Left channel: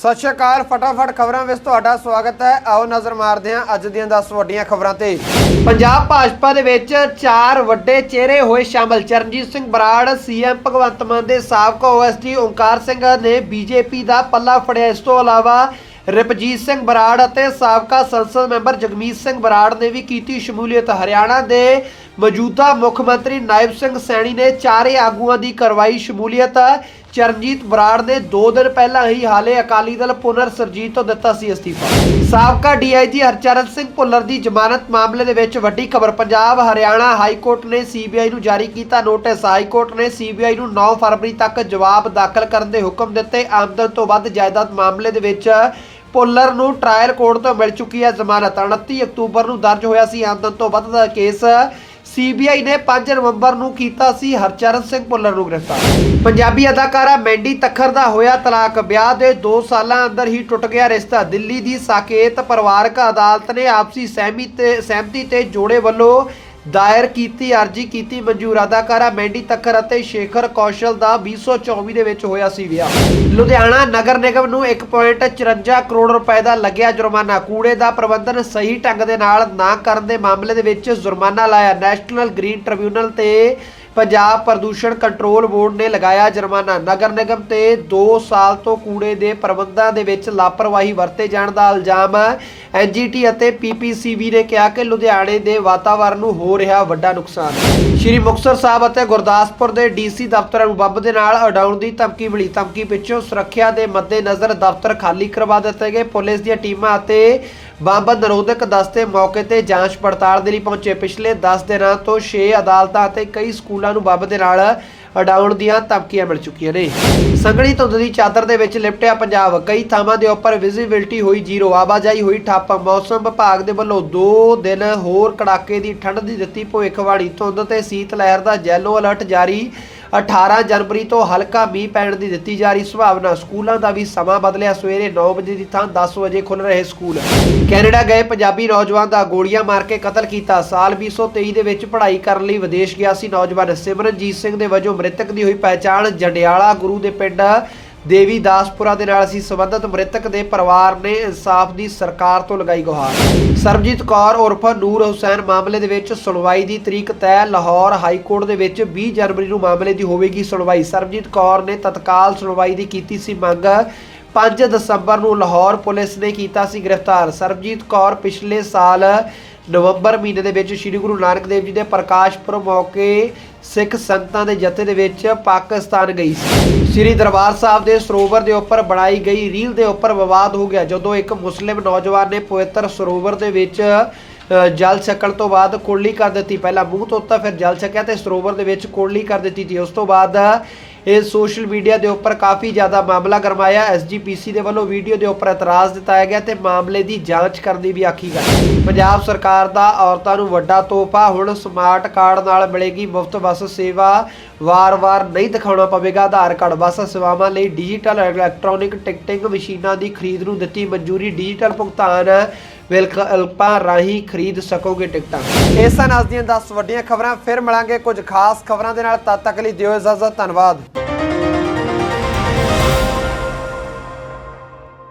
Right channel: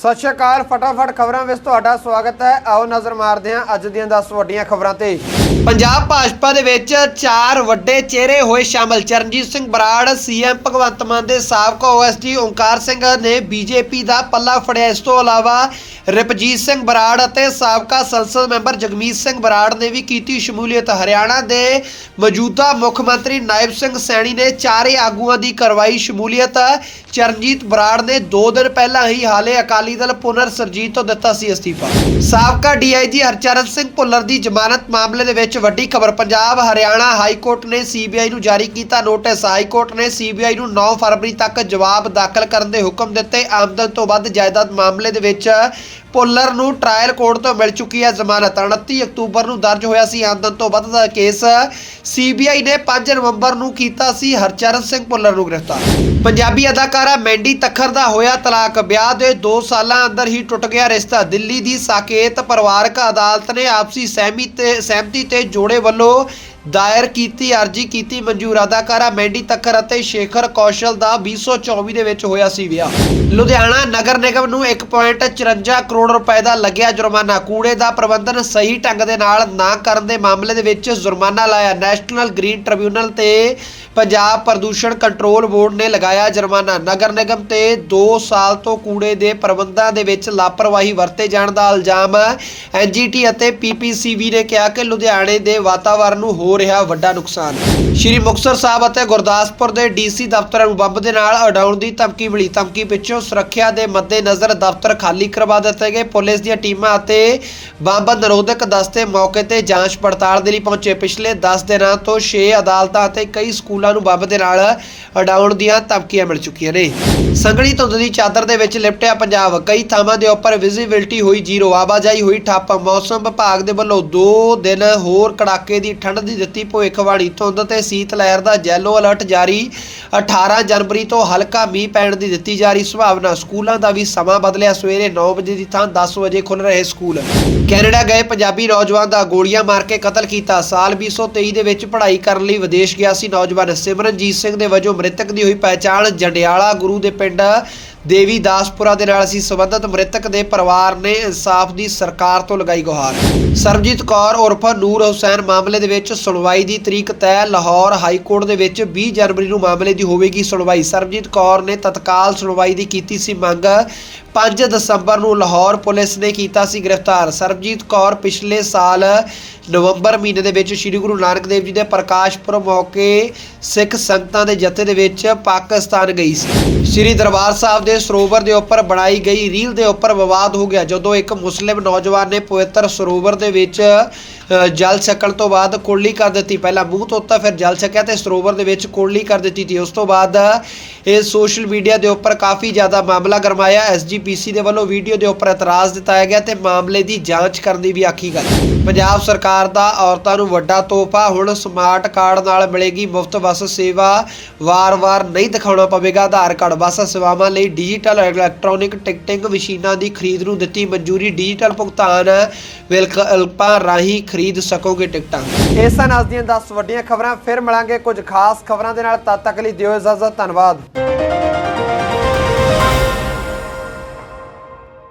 ਸਤਿ ਸ਼੍ਰੀ ਅਕਾਲ, ਫਟਾਫਟ ਖਬਰਾਂ ਵਿੱਚ ਤੁਹਾਡਾ ਸਵਾਗਤ ਹੈ। ਆਓ ਨਜ਼ਰ ਮਾਰਦੇ ਹਾਂ ਅੱਜ ਦੀਆਂ 10 ਵੱਡੀਆਂ ਖਬਰਾਂ ਤੇ। ਪੰਜਾਬ ਭਾਜਪਾ ਦੇ ਵਿੱਚ ਚਾਰ ਵੱਡੇ ਚਿਹਰੇ ਹੋਏ ਸ਼ਾਮਲ। ਚਰਨਜੀਤ ਸਿੰਘ ਬਰਾੜ, ਸੀਐਮ ਭਗਵੰਤ ਮਾਨ ਦੇ ਸਾਬਕਾ ਓਐਸਡੀ ਓਂਕਾਰ ਸਿੰਘ ਨੇ ਬੀਜੇਪੀ ਦਾ ਪੱਲਾ ਫੜਿਆ। ਇਸ ਤੋਂ ਇਲਾਵਾ ਰਪਜੀਤ ਸਿੰਘ ਬਰਾੜ ਅਤੇ ਸਾਬਕਾ ਸੰਸਦ ਮੈਂਬਰ ਜਗਮੀਤ ਸਿੰਘ ਬਰਾੜ ਨੇ ਵੀ ਕੀਤੀ ਸ਼ਮੂਲੀਅਤ। ਹਰਿਆਣਾ ਦੇ ਮੌਜੂਦਾ ਮੁੱਖ ਮੰਤਰੀ ਨਾਇਬ ਸਿੰਘ ਸੈਣੀ ਨੇ ਚਾਰੇ ਆਗੂਆਂ ਦੀ ਕਰਵਾਈ ਸ਼ਮੂਲੀਅਤ। ਚਰਨਜੀਤ ਬਰਾੜ ਨੇ 2 ਦਿਨ ਪਹਿਲਾਂ ਹੀ ਹਾਲੇ ਅਕਾਲੀ ਦਲ ਪੁਨਰ ਸਰਜੀਤ ਤੋਂ ਦਿੱਤਾ ਸੀ ਅਸਤੀਫਾ। ਸਾਬਕਾ ਡੀਆਈਜੀ ਹਰਚਰਨ ਸਿੰਘ ਭੁੱਲਰ ਦੀ ਜ਼ਮਾਨਤ ਮਾਮਲੇ ਦੇ ਵਿੱਚ ਵੱਡੀ ਖਬਰ, ਪੰਜਾਬ, ਹਰਿਆਣਾ ਹਾਈ ਕੋਰਟ ਨੇ ਸੀਬੀਆਈ ਨੂੰ ਜਾਰੀ ਕੀਤਾ ਨੋਟਿਸ। ਹਾਈ ਕੋਰਟ ਨੇ ਸੀਬੀਆਈ ਨੂੰ 9 ਫਰਵਰੀ ਤੱਕ ਜਵਾਬ ਦਾਖਲ ਕਰਨ ਦੇ ਹੁਕਮ ਦਿੱਤੇ। ਆਮਦਨ ਤੋਂ ਵੱਧ ਜਾਇਦਾਦ ਮਾਮਲੇ ਦੇ ਵਿੱਚ ਪੁੱਲਰ ਨੂੰ ਟ੍ਰਾਇਲ ਕੋਰਟ ਤੋਂ ਮਿਲ ਚੁੱਕੀ ਹੈ ਜ਼ਮਾਨਤ। 29 ਅਕਤੂਬਰ ਨੂੰ ਦਰਜ ਹੋਇਆ ਸੀ ਆਮਦਨ ਤੋਂ ਵੱਧ ਦਾ ਕੇਸ। ਸੀਬੀਆਈ ਨੇ 5 ਨਵੰਬਰ ਨੂੰ ਕੀਤਾ ਸੀ ਹਰਚਰਨ ਸਿੰਘ ਭੁੱਲਰ ਨੂੰ ਗ੍ਰਿਫਤਾਰ। ਪੰਜਾਬੀ ਅਦਾਕਾਰਾ ਮੈਂਡੀ ਤਖਰ ਦਾ ਹੋਇਆ ਤਲਾਕ। ਵਿਆਹ ਦੇ 2 ਸਾਲਾਂ ਅੰਦਰ ਹੀ ਟੁੱਟ ਗਿਆ ਰਿਸ਼ਤਾ। ਦਿੱਲੀ ਦੀ ਸਾਕੇਤ ਪਰਿਵਾਰਕ ਅਦਾਲਤ ਨੇ ਆਪਸੀ ਸਹਿਮਤੀ ਤੇ ਸਹਿਮਤੀ ਤੇ ਜੋੜੇ ਵੱਲੋਂ ਦਾਇਰ ਕੀਤੀ, ਅਰਜੀ ਕੀਤੀ, ਮਨਜ਼ੂਰ ਅਦਾਕਾਰਾ ਮੈਂਡੀ ਤੱਕਰ ਅਤੇ ਸ਼ੇਖਰ ਕੌਸ਼ਲ ਦਾ 2024 ਦੇ ਵਿੱਚ ਹੋਇਆ ਸੀ ਵਿਆਹ। ਲੁਧਿਆਣਾ ਨਗਰ ਨਿਗਮ ਨੂੰ 1.54 ਕਰੋੜ ਰੁਪਏ ਦਾ ਲੱਗਿਆ ਜੁਰਮਾਨਾ। ਕੂੜੇ ਦਾ ਪ੍ਰਬੰਧਨ ਸਹੀ ਢੰਗ ਦੇ ਨਾਲ ਨਾ ਕਰਨ ਦੇ ਮਾਮਲੇ ਦੇ ਵਿੱਚ ਜੁਰਮਾਨਾ ਲਾਇਆ। ਨੈਸ਼ਨਲ ਗ੍ਰੀਨ ਟ੍ਰਿਬਿਊਨਲ ਤੇ ਪੰਜਾਬ ਪ੍ਰਦੂਸ਼ਣ ਕੰਟਰੋਲ ਬੋਰਡ ਨੇ ਲਗਾਇਆ ਜੁਰਮਾਨਾ। ਨਗਰ ਨਿਗਮ ਤੇ 2 ਸਾਲ ਤੋਂ ਕੂੜੇ ਦੇ ਪ੍ਰਬੰਧਾਂ ਦੇ ਵਿੱਚ ਲਾਪਰਵਾਹੀ ਵਰਤੇ ਜਾਣ ਦਾ ਇਲਜ਼ਾਮ ਐਨਜੀਟੀ ਅਤੇ ਪੀਪੀਸੀਬੀ ਨੇ ਕਿਹਾ ਕਿ ਲੁਧਿਆਣੇ ਦੇ ਵਾਤਾਵਰਣ ਨੂੰ ਹੋ ਰਿਹਾ ਵੱਡਾ ਨੁਕਸਾਨ। ਸ਼੍ਰੀ ਮੁਕਤਸਰ ਸਾਹਿਬ ਅਤੇ ਗੁਰਦਾਸਪੁਰ ਦੇ ਡੀਸੀ ਦਫ਼ਤਰਾਂ ਨੂੰ ਬੰਬ ਦੇ ਨਾਲ ਉਡਾਉਣ ਦੀ ਧਮਕੀ ਮਿਲੀ। ਧਮਕੀ ਪਿੱਛੋਂ ਸੁਰੱਖਿਆ ਦੇ ਮੱਦੇਨਜ਼ਰ ਦਫ਼ਤਰ ਖਾਲੀ ਕਰਵਾ ਦਿੱਤੇ ਗਏ। ਪੁਲਿਸ ਦੀਆਂ ਟੀਮਾਂ ਅਤੇ ਬੰਬ ਨਿਰੋਧਕ ਦਸਤੇ ਮੌਕੇ ਤੇ ਜਾਂਚ ਪੜਤਾਲ ਦੇ ਲਈ ਪਹੁੰਚੇ। ਪਿਛਲੇ 10 ਦਿਨਾਂ ਤੋਂ 6 ਅਦਾਲਤਾਂ ਅਤੇ ਕਈ ਸਕੂਲਾਂ ਨੂੰ ਬੰਬ ਦੇ ਨਾਲ ਉਡਾਉਣ ਦੀਆਂ ਧਮਕੀਆਂ ਮਿਲ ਚੁੱਕੀਆਂ ਨੇ। ਸੰਘਣੀ ਧੁੰਦ ਦੀ ਚਾਦਰ ਦੇ ਵਿੱਚ ਲਿਪਟਿਆ ਪੰਜਾਬ। ਕਈ ਥਾਵਾਂ ਦੇ ਉੱਪਰ ਵਿਜ਼ਿਬਿਲਟੀ ਹੋਈ ਜ਼ੀਰੋ, ਆਵਾਜਾਈ ਹੋਈ ਠੱਪ। ਮੌਸਮ ਵਿਭਾਗ ਦੇ ਵੱਲੋਂ 2 ਦਿਨ ਹੋਰ ਕੜਾਕੇ ਦੀ ਠੰਡ ਦੀ ਦਿੱਤੀ ਭਵਿੱਖਬਾਣੀ। ਧੁੰਦ ਤੇ ਸੀਤ ਲਹਿਰ ਦਾ ਯੈਲੋ ਅਲਰਟ ਜਾਰੀ। 18 ਜਨਵਰੀ ਤੋਂ ਹਲਕਾ ਮੀਂਹ ਪੈਣ ਦੀ ਦਿੱਤੀ ਜਾ ਰਹੀ ਸੰਭਾਵਨਾ। ਸਕੂਲਾਂ ਦਾ ਵੀ ਸਮਾਂ ਬਦਲਿਆ। ਸਵੇਰੇ 9 ਵਜੇ ਦੀ ਥਾਂ 10 ਵਜੇ ਖੁੱਲ ਰਹੇ ਸਕੂਲ। ਕੈਨੇਡਾ ਗਏ ਪੰਜਾਬੀ ਨੌਜਵਾਨ ਦਾ ਗੋਲੀਆਂ ਮਾਰ ਕੇ ਕਤਲ ਕੀਤਾ। ਸਾਲ 2023 ਦੇ ਵਿੱਚ ਪੜ੍ਹਾਈ ਕਰਨ ਲਈ ਵਿਦੇਸ਼ ਗਿਆ ਸੀ ਨੌਜਵਾਨ ਸਿਮਰਨਜੀਤ ਸਿੰਘ ਦੇ ਵਜੋਂ ਮ੍ਰਿਤਕ ਦੀ ਹੋਈ ਪਹਿਚਾਣ। ਜੰਡਿਆਲਾ ਗੁਰੂ ਦੇ ਪਿੰਡ ആയിട്ട് ਦੇਵੀ ਦਾਸਪੁਰਾ ਦੇ ਨਾਲ ਸੀ ਸੰਬੰਧਤ। ਮ੍ਰਿਤਕ ਦੇ ਪਰਿਵਾਰ ਨੇ ਇਨਸਾਫ ਦੀ ਸਰਕਾਰ ਤੋਂ ਲਗਾਈ ਗੁਹਾਰ। ਸਰਬਜੀਤ ਕੌਰ ਉਰਫ ਨੂਰ ਹੁਸੈਨ ਮਾਮਲੇ ਦੇ ਵਿੱਚ ਸੁਣਵਾਈ ਦੀ ਤਰੀਕ ਤੈਅ। ਲਾਹੌਰ ਹਾਈ ਕੋਰਟ ਦੇ ਵਿੱਚ 20 ਜਨਵਰੀ ਨੂੰ ਮਾਮਲੇ ਦੀ ਹੋਵੇਗੀ ਸੁਣਵਾਈ। ਸਰਬਜੀਤ ਕੌਰ ਨੇ ਤਤਕਾਲ ਸੁਣਵਾਈ ਦੀ ਕੀਤੀ ਸੀ ਮੰਗ। 5 ਦਸੰਬਰ ਨੂੰ ਲਾਹੌਰ ਪੁਲਿਸ ਨੇ ਕੀਤਾ ਸੀ ਗ੍ਰਿਫਤਾਰ। ਸਰਬਜੀਤ ਕੌਰ ਪਿਛਲੇ ਸਾਲ ਨਵੰਬਰ ਮਹੀਨੇ ਦੇ ਵਿੱਚ ਸ੍ਰੀ ਗੁਰੂ ਨਾਨਕ ਦੇਵ ਜੀ ਦੇ ਪ੍ਰਕਾਸ਼ ਪੁਰਬ ਮੌਕੇ ਸਿੱਖ ਸੰਗਤਾਂ ਦੇ ਜਥੇ ਦੇ ਵਿੱਚ ਪਾਕਿਸਤਾਨ ਗਈ ਸੀ। ਸ੍ਰੀ ਦਰਬਾਰ ਸਾਹਿਬ ਦੇ ਸਰੋਵਰ ਦੇ ਉੱਪਰ ਬਣਾਈ ਗਈ ਰੀਲ ਦੇ ਉੱਪਰ ਵਿਵਾਦ ਹੋ ਗਿਆ, ਜਦੋਂ ਇੱਕ ਮੁਸਲਿਮ ਨੌਜਵਾਨ ਨੇ ਪਵਿੱਤਰ ਸਰੋਵਰ ਦੇ ਵਿੱਚ ਜਲ ਛਕਣ ਤੋਂ ਬਾਅਦ ਕੁਰਲੀ ਕਰ ਦਿੱਤੀ। ਪਹਿਲਾਂ ਮੂੰਹ ਧੋਤਾ, ਫਿਰ ਜਲ ਛਕਿਆ ਤੇ ਸਰੋਵਰ ਦੇ ਵਿੱਚ ਕੁਰਲੀ ਕਰ ਦਿੱਤੀ ਸੀ। ਉਸ ਤੋਂ ਬਾਅਦ ਇਹ ਸੋਸ਼ਲ ਮੀਡੀਆ ਦੇ ਉੱਪਰ ਕਾਫੀ ਜ਼ਿਆਦਾ ਮਾਮਲਾ ਗਰਮਾਇਆ। ਐਸਜੀਪੀਸੀ ਦੇ ਵੱਲੋਂ ਵੀਡੀਓ ਦੇ ਉੱਪਰ ਇਤਰਾਜ਼ ਦਿੱਤਾ ਗਿਆ ਤੇ ਮਾਮਲੇ ਦੀ ਜਾਂਚ ਕਰਨ ਦੀ ਵੀ ਆਖੀ ਗਈ। ਪੰਜਾਬ ਸਰਕਾਰ ਦਾ ਔਰਤਾਂ ਨੂੰ ਵੱਡਾ ਤੋਹਫਾ, ਹੁਣ ਸਮਾਰਟ ਕਾਰਡ ਨਾਲ ਮਿਲੇਗੀ ਮੁਫਤ ਬੱਸ ਸੇਵਾ, ਵਾਰ-ਵਾਰ ਨਹੀਂ ਦਿਖਾਉਣਾ ਪਵੇਗਾ, ਆਧਾਰ ਕਾਰਡ, ਬੱਸ ਸੇਵਾਵਾਂ ਲਈ ਡਿਜੀਟਲ ਇਲੈਕਟ੍ਰੋਨਿਕ ਟਿਕਟਿੰਗ ਮਸ਼ੀਨਾਂ ਦੀ ਖਰੀਦ ਨੂੰ ਦਿੱਤੀ ਮਨਜ਼ੂਰੀ। ਡਿਜੀਟਲ ਭੁਗਤਾਨ ਵਿਕਲਪਾਂ ਰਾਹੀਂ ਖਰੀਦ ਸਕੋਗੇ ਟਿਕਟਾਂ। ਇਹ ਸਨ ਅੱਜ ਦੀਆਂ 10 ਵੱਡੀਆਂ ਖਬਰਾਂ, ਫਿਰ ਮਿਲਾਂਗੇ ਕੁਝ ਖਾਸ ਖਬਰਾਂ ਦੇ ਨਾਲ। ਤਦ ਤੱਕ ਲਈ ਦਿਓ ਇਜਾਜ਼ਤ, ਧੰਨਵਾਦ।